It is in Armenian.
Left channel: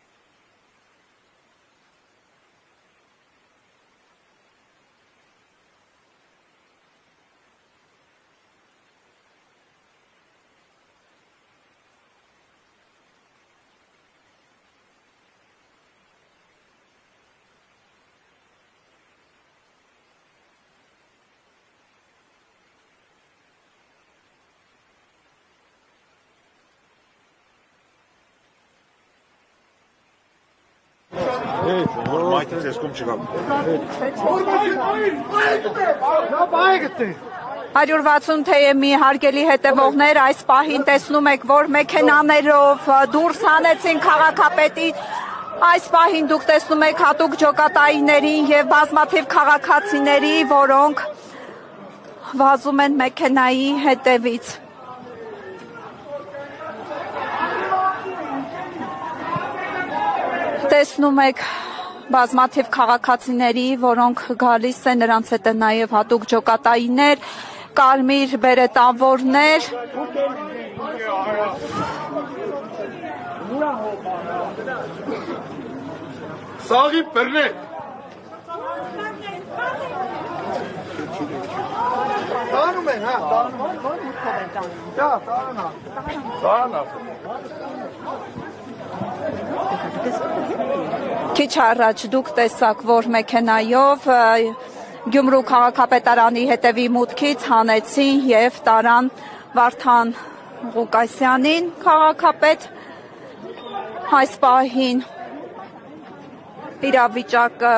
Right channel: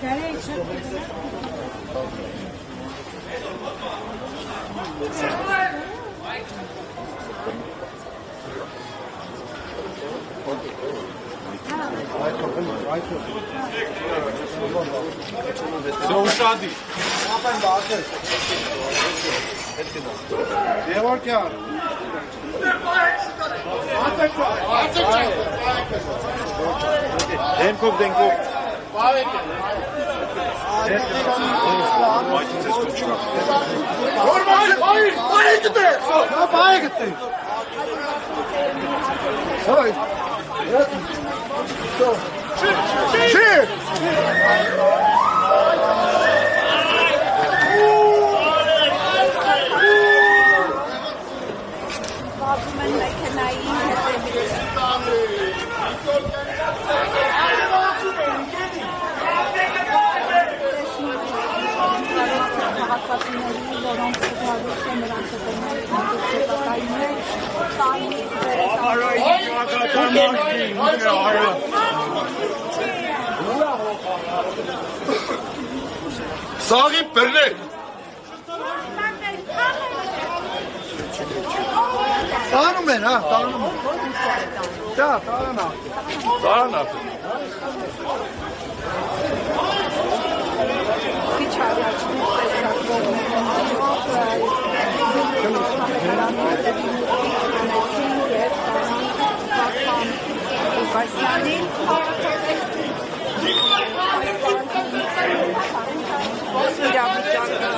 Все ушади. Georgian. Denkov. Հարյուր 60 հարգելի հետևողներ, այս պահին տեսնում եք, որ մեքենաներով դուրս հանեցին քաղաքապետի, այս պահին դուք տեսնում եք հատուկ ջոկատայինների և բազմաթիվ քաղաքացիների, որոնք վազում են մեքենայի հետևից։ Տեսնում եք բազմաթիվ քաղաքացիների, որոնք գալիս են, նրանց հետ նաև հատուկ ջոկատայիններ, կարմիր բերետավորներ։ Սաղի բռնեք։ Տանում են, հա, տանում են։ Տարանա։ Քիչ առաջ դուք տեսաք, որ մեքենայով Գյումրու քաղաքապետարանի հետևի մուտքից հանեցին և տարան Վարդան Ղուկասյանին քաղաքապետ, այս պահին իրավիճակը